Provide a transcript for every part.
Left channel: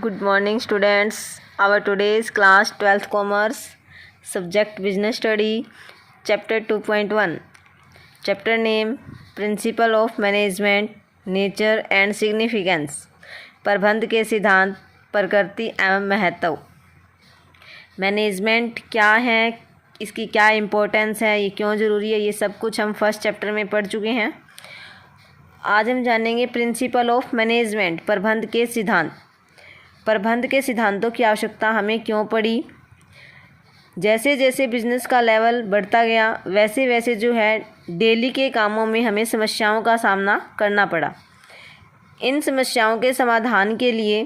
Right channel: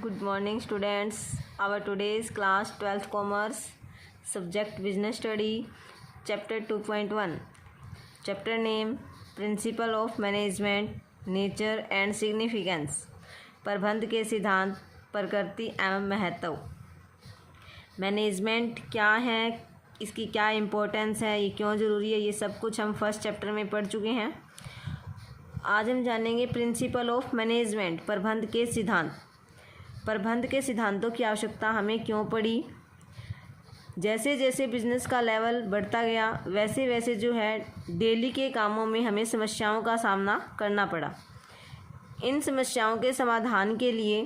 Good morning, students. Our today's class 12th Commerce, subject Business Study, Chapter 2.1. Chapter name Principle of Management, Nature and Significance. प्रबंध के सिद्धांत, प्रकृति एवं महत्व. Management क्या है, इसकी क्या इम्पोर्टेंस है, ये क्यों ज़रूरी है, ये सब कुछ हम फर्स्ट चैप्टर में पढ़ चुके हैं. आज हम जानेंगे प्रिंसिपल ऑफ मैनेजमेंट, प्रबंध के सिद्धांत. प्रबंध के सिद्धांतों की आवश्यकता हमें क्यों पड़ी. जैसे जैसे बिजनेस का लेवल बढ़ता गया वैसे वैसे जो है डेली के कामों में हमें समस्याओं का सामना करना पड़ा. इन समस्याओं के समाधान के लिए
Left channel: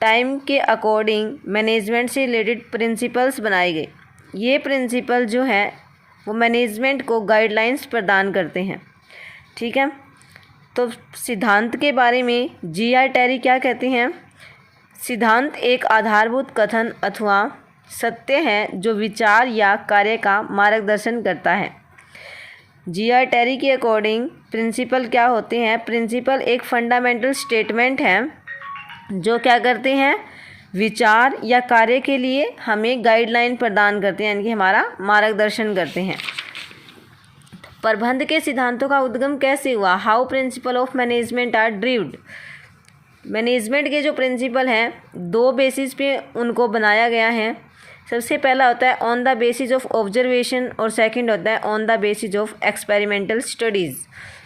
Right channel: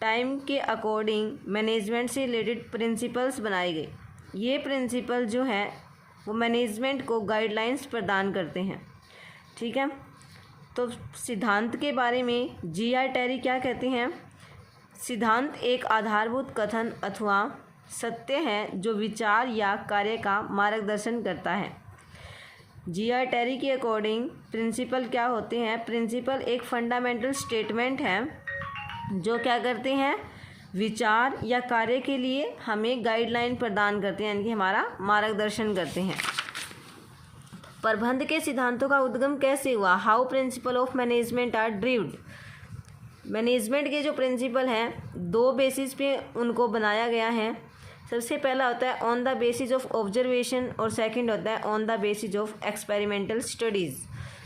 टाइम के अकॉर्डिंग मैनेजमेंट से रिलेटेड प्रिंसिपल्स बनाए गए. ये प्रिंसिपल जो है वो मैनेजमेंट को गाइडलाइंस प्रदान करते हैं. ठीक है, तो सिद्धांत के बारे में जी.आर. टेरी क्या कहते हैं. सिद्धांत एक आधारभूत कथन अथवा सत्य है जो विचार या कार्य का मार्गदर्शन करता है. जी.आर. टेरी के अकॉर्डिंग प्रिंसिपल क्या होते हैं. प्रिंसिपल एक फंडामेंटल स्टेटमेंट है जो क्या करते हैं, विचार या कार्य के लिए हमें गाइडलाइन प्रदान करते हैं, यानी कि हमारा मार्गदर्शन करते हैं. प्रबंध के सिद्धांतों का उद्गम कैसे हुआ. How principle of management are derived. Management के जो प्रिंसिपल हैं दो बेसिस पे उनको बनाया गया है. सबसे पहला होता है on the basis of observation और सेकंड होता है on the basis of experimental studies.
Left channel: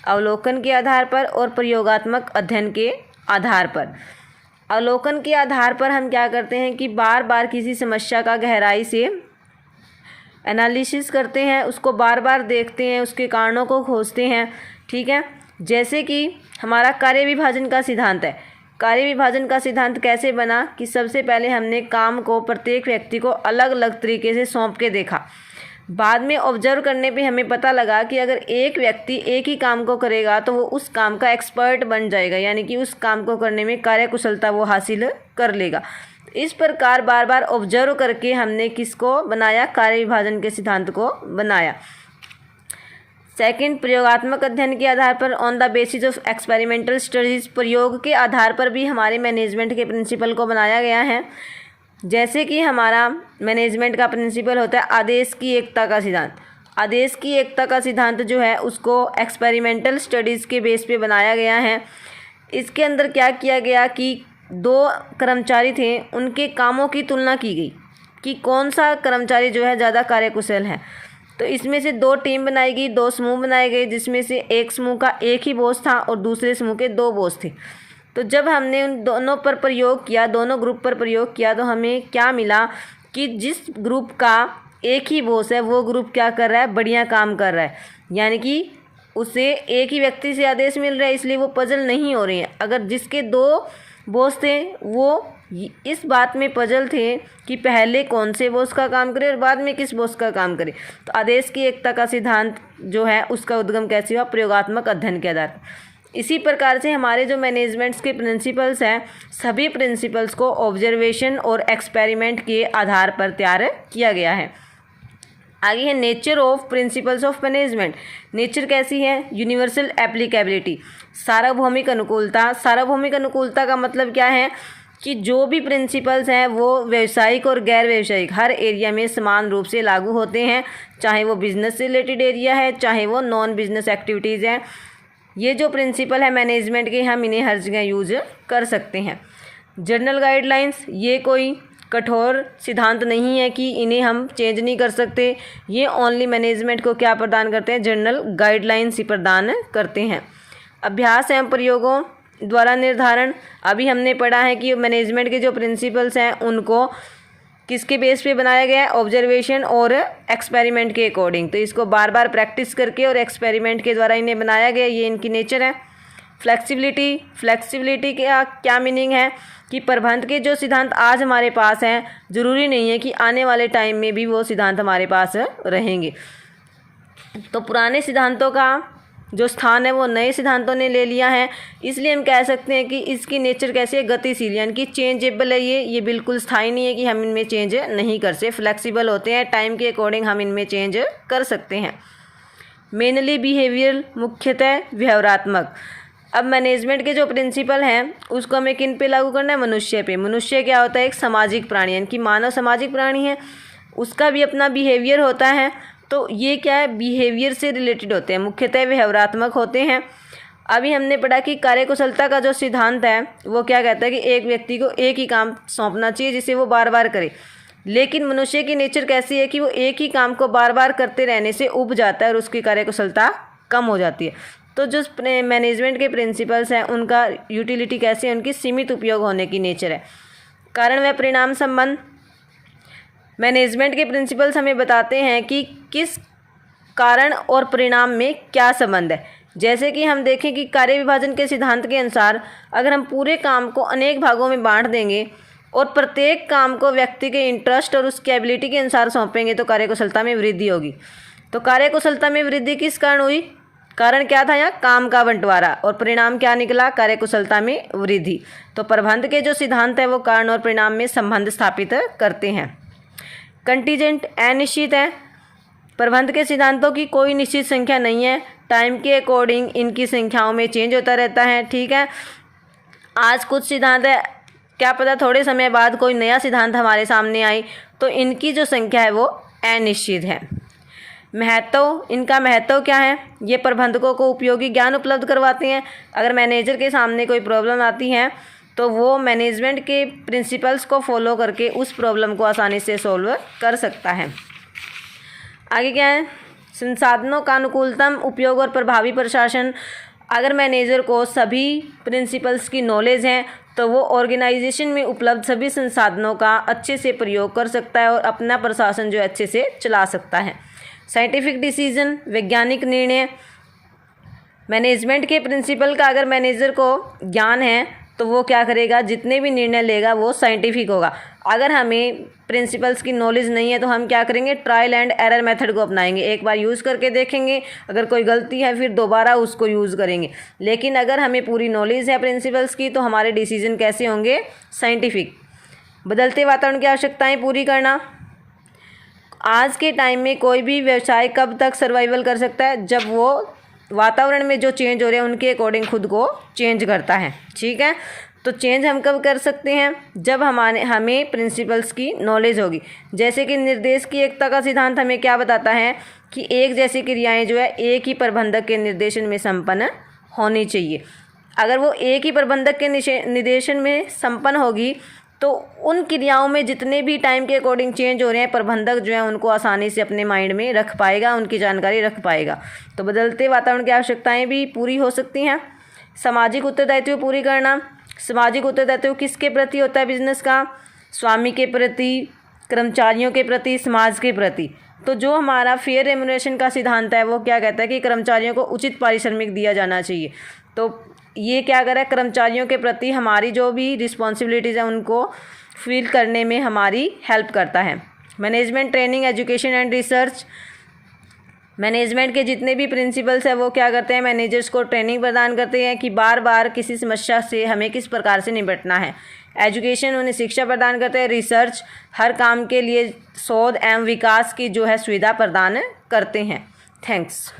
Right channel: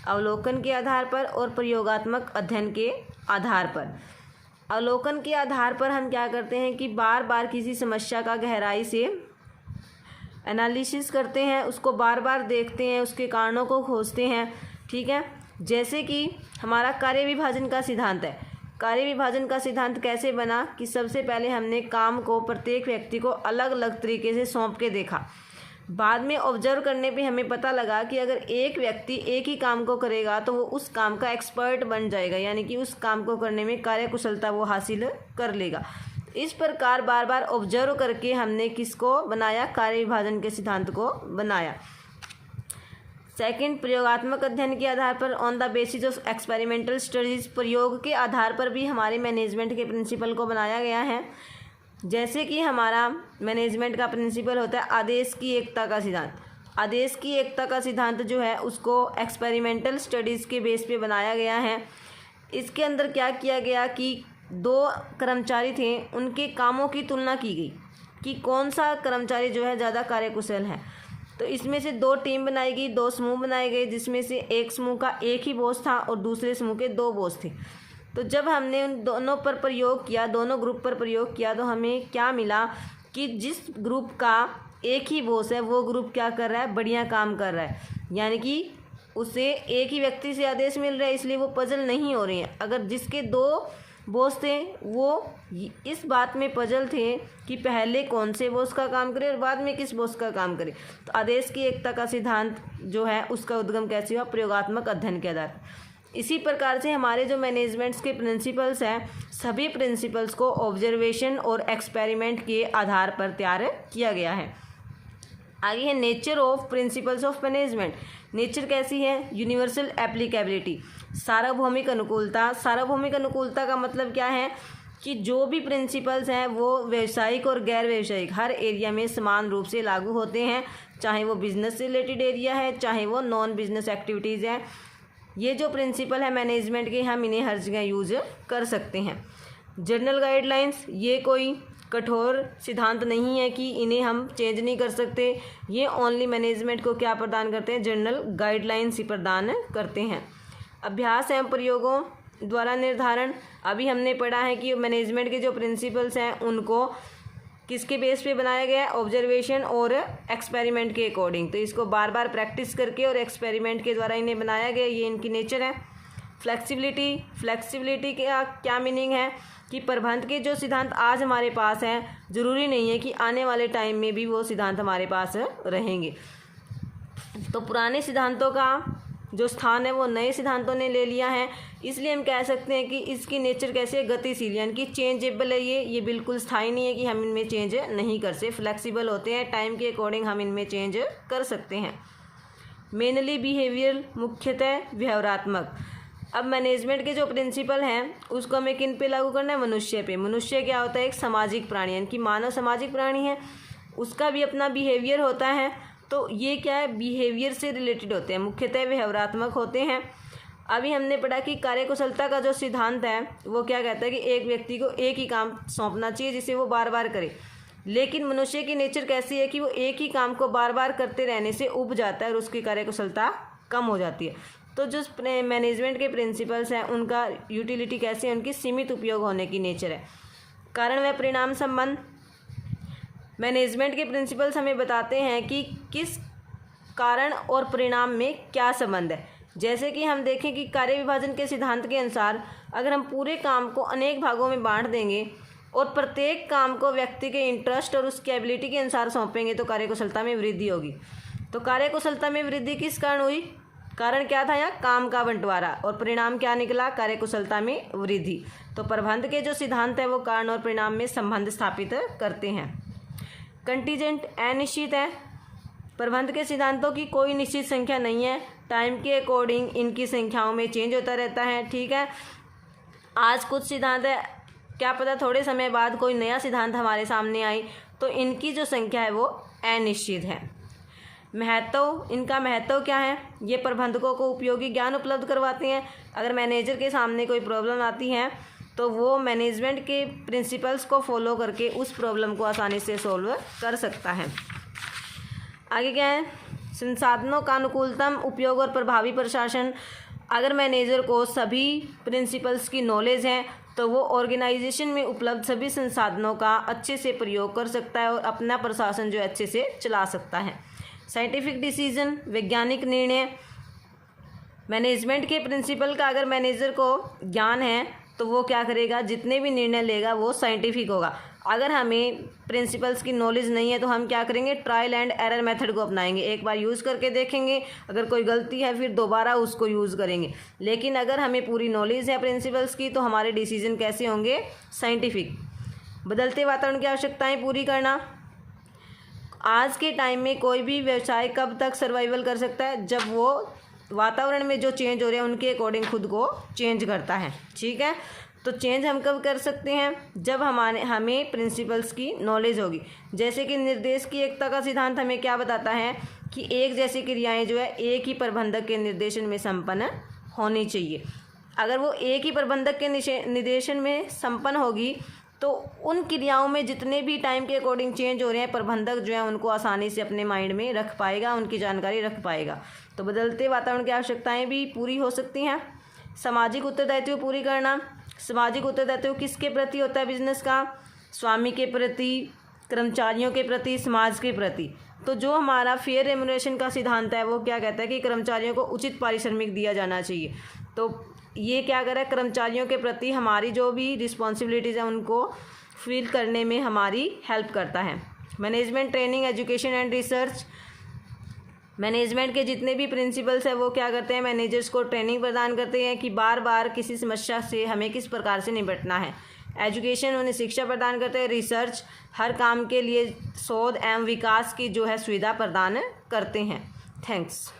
अवलोकन के आधार पर और प्रयोगात्मक अध्ययन के आधार पर. अवलोकन के आधार पर हम क्या करते हैं कि बार बार किसी समस्या का गहराई से एनालिसिस करते हैं, उसको बार बार देखते हैं, उसके कारणों को खोजते हैं. ठीक है, जैसे कि हमारा कार्य विभाजन का सिद्धांत है. कार्य विभाजन का सिद्धांत कैसे बना कि सबसे पहले हमने काम को प्रत्येक व्यक्ति को अलग अलग तरीके से सौंप के देखा. बाद में ऑब्जर्व करने पे हमें पता लगा कि अगर एक व्यक्ति एक ही काम को करेगा तो वो उस काम का एक्सपर्ट बन जाएगा, यानी कि उस काम को करने में कार्यकुशलता वो हासिल कर लेगा. इस प्रकार बार बार ऑब्जर्व करके हमने किसको बनाया, कार्य विभाजन के सिद्धांत को बनाया. सेकंड, प्रयोगात्मक अध्ययन के आधार पर on the basis of experimental studies. प्रयोग के आधार पर भी हमारे मैनेजमेंट के प्रिंसिपल को बनाया गया है. जैसे कि हमारा मैनेजमेंट का प्रिंसिपल होता है आदेश की एकता का सिद्धांत. आदेश की एकता का सिद्धांत जो है उसको एक्सपेरिमेंटल स्टडीज़ के बेस पे बनाया गया है. इसके अंदर क्या किया गया कि दो कर्मचारी थे, उनके कामों की तुलना की गई कि कौन सा कर्मचारी जो है ज़्यादा कार्यकुशल है. तो इसमें से दो टीम बनाई गई, दो समूह बनाए गए, जिसमें से एक समूह का एक ही बॉस था और दूसरे समूह के दो बॉस थे. तो जब हमने उन दोनों पर प्रयोग किया, दोनों ग्रुप पर प्रयोग किया, तो हमें क्या मिला कि जिस ग्रुप का एक ही बॉस है वो ग्रुप क्या कर रहा है, बढ़िया काम कर रहा है, यानी कि उसे एक ही व्यक्ति से आदेश मिल रहा है, इसलिए वो पजल नहीं हो रही है. अगर जिसके दो बॉस थे वो इस बात में पजल थे कि पहले कौन से बॉस का काम करे और बाद में किस बॉस का काम करे. तो आदेश की एकता का सिद्धांत जो है उसका उद्गम कैसे हुआ, प्रयोगात्मक अध्ययन के आधार पर. इसी प्रकार से हमारे जो मैनेजमेंट्स के प्रिंसिपल्स हैं सभी प्रिंसिपल्स को ऑब्जर्वेशन और एक्सपेरिमेंट के आधार पर तैयार किया गया है. आगे है nature of principles of management. Nature कैसी है, यूनिवर्सल एप्लीकेबिलिटी, सार्वभौमिक अनुकूलता. सार्वभौमिक अनुकूलता का मतलब क्या है कि जो भी प्रिंसिपल्स हैं वो व्यावसायिक और गैर व्यावसायिक हर एरिया में समान रूप से लागू होते हैं, चाहे वो बिजनेस से रिलेटेड एरिया है चाहे वो नॉन बिजनेस एक्टिविटीज़ हैं. ये जो प्रिंसिपल है मैनेजमेंट के हम इन्हें हर जगह यूज कर सकते हैं. जनरल गाइडलाइंस, ये कोई कठोर सिद्धांत नहीं है कि इन्हें हम चेंज नहीं कर सकते. ये ओनली मैनेजमेंट को क्या प्रदान करते हैं, जनरल गाइडलाइंस ही प्रदान करते हैं. अभ्यास एवं प्रयोगों द्वारा निर्धारण. अभी हमने पढ़ा है कि मैनेजमेंट के जो प्रिंसिपल्स हैं उनको किसके बेस पे बनाया गया है, ऑब्जर्वेशन और एक्सपेरिमेंट के अकॉर्डिंग. तो इसको बार बार प्रैक्टिस करके और एक्सपेरिमेंट के द्वारा इन्हें बनाया गया, ये इनकी नेचर है. फ्लेक्सिबिलिटी. फ्लेक्सिबिलिटी का क्या मीनिंग है कि प्रबंध के जो सिद्धांत आज हमारे पास हैं ज़रूरी नहीं है कि आने वाले टाइम में भी वो सिद्धांत हमारे पास रहेंगे. तो पुराने सिद्धांतों का जो स्थान है वो नए सिद्धांतों ने ले लिया है, इसलिए हम कह सकते हैं कि इसकी नेचर कैसी है, गतिशील, यानी कि चेंजेबल है. ये बिल्कुल स्थायी नहीं है कि हम इनमें चेंज नहीं कर सकते. फ्लेक्सिबल होते हैं, टाइम के अकॉर्डिंग हम इनमें चेंज कर सकते हैं. मेनली बिहेवियरल, मुख्यतः व्यवहारात्मक. अब मैनेजमेंट के जो प्रिंसिपल हैं उसको हमें किन पे लागू करना है? मनुष्य पे। मनुष्य क्या होता है? एक सामाजिक प्राणी, यानी कि मानव सामाजिक प्राणी है, उसका भी अपना बिहेवियर होता है। तो ये क्या है? बिहेवियर से रिलेटेड होते हैं, मुख्यतः व्यवहारात्मक होते हैं। अभी हमने पढ़ा कि कार्यकुशलता का जो सिद्धांत है वो क्या कहता है कि एक व्यक्ति को एक ही काम सौंपना चाहिए जिसे वो बार बार करे। लेकिन मनुष्य की नेचर कैसी है कि वो एक ही काम को बार बार करते रहने से ऊब जाता है और उसकी कार्यकुशलता कम हो जाती है। तो जो मैनेजमेंट के प्रिंसिपल्स हैं उनका यूटिलिटी कैसी है? उनकी सीमित उपयोग होने की नेचर है। कारण व परिणाम संबंध, मैनेजमेंट के प्रिंसिपल्स हमें बताते हैं कि किस कारण और परिणाम में क्या संबंध है। जैसे कि हम देखें कि कार्य विभाजन के सिद्धांत के अनुसार अगर हम पूरे काम को अनेक भागों में बांट देंगे और प्रत्येक काम को व्यक्ति के इंटरेस्ट और उसकी एबिलिटी के अनुसार सौंपेंगे तो कार्यकुशलता में वृद्धि होगी। तो कार्यकुशलता में वृद्धि किस कारण हुई? कारण क्या था यहाँ? काम का बंटवारा। और परिणाम क्या निकला? कार्यकुशलता में वृद्धि। तो प्रबंध के जो सिद्धांत है वो कारण और परिणाम में संबंध स्थापित करते हैं। कंटीजेंट, अनिश्चित है। प्रबंध के सिद्धांतों की कोई निश्चित संख्या नहीं है, टाइम के अकॉर्डिंग इनकी संख्याओं में चेंज होता रहता है। ठीक है, आज कुछ सिद्धांत है, क्या पता थोड़े समय बाद कोई नया सिद्धांत हमारे सामने आए, तो इनकी जो संख्या है वो अनिश्चित है। महत्व, इनका महत्व क्या है? ये प्रबंधकों को उपयोगी ज्ञान उपलब्ध करवाते हैं। अगर मैनेजर के सामने कोई प्रॉब्लम आती है तो वो मैनेजमेंट के प्रिंसिपल्स को फॉलो करके उस प्रॉब्लम को आसानी से सॉल्व कर सकता है। आगे क्या है? संसाधनों का अनुकूलतम उपयोग और प्रभावी प्रशासन। अगर मैनेजर को सभी प्रिंसिपल्स की नॉलेज है तो वो ऑर्गेनाइजेशन में उपलब्ध सभी संसाधनों का अच्छे से प्रयोग कर सकता है और अपना प्रशासन जो है अच्छे से चला सकता है। साइंटिफिक डिसीजन, वैज्ञानिक निर्णय। मैनेजमेंट के प्रिंसिपल का अगर मैनेजर को ज्ञान है तो वो क्या करेगा? जितने भी निर्णय लेगा वो साइंटिफिक होगा। अगर हमें प्रिंसिपल्स की नॉलेज नहीं है तो हम क्या करेंगे? ट्रायल एंड एरर मेथड को अपनाएंगे। एक बार यूज़ करके देखेंगे, अगर कोई गलती है फिर दोबारा उसको यूज़ करेंगे। लेकिन अगर हमें पूरी नॉलेज है प्रिंसिपल्स की तो हमारे डिसीजन कैसे होंगे? साइंटिफिक। बदलते वातावरण की आवश्यकताएं पूरी करना। आज के टाइम में कोई भी व्यवसाय कब तक सर्वाइवल कर सकता है? जब वो वातावरण में जो चेंज हो रहे हैं उनके अकॉर्डिंग खुद को चेंज करता है। ठीक है, तो चेंज हम कब कर सकते हैं? जब हमें प्रिंसिपल्स की नॉलेज होगी। जैसे कि निर्देश की एकता का सिद्धांत हमें क्या बताता है कि एक जैसी क्रियाएं जो है एक ही प्रबंधक के निर्देशन में संपन्न होनी चाहिए। अगर वो एक ही प्रबंधक के निर्देशन में संपन्न होगी तो उन क्रियाओं में जितने भी टाइम के अकॉर्डिंग चेंज हो रहे हैं प्रबंधक जो है उनको आसानी से अपने माइंड में रख पाएगा, उनकी जानकारी रख पाएगा। तो बदलते वातावरण की आवश्यकताएं भी पूरी हो सकती हैं। सामाजिक उत्तरदायित्व पूरी करना। सामाजिक उत्तरदायित्व किसके प्रति होता है बिजनेस का? स्वामी के प्रति, कर्मचारियों के प्रति, समाज के प्रति। तो जो हमारा फेयर रेम्युनरेशन का सिद्धांत है वो क्या कहता है कि कर्मचारियों को उचित पारिश्रमिक दिया जाना चाहिए। तो ये क्या करे? कर्मचारियों के प्रति हमारी जो भी रिस्पॉन्सिबिलिटीज़ हैं उनको फील करने में हमारी हेल्प करता है। Management training, education and research. Management के जितने भी प्रिंसिपल्स हैं वो क्या करते हैं? मैनेजर्स को ट्रेनिंग प्रदान करते हैं कि बार बार किसी समस्या से हमें किस प्रकार से निपटना है। एजुकेशन, उन्हें शिक्षा प्रदान करते हैं। रिसर्च, हर काम के लिए शोध एवं विकास की जो है सुविधा प्रदान करते हैं। थैंक्स।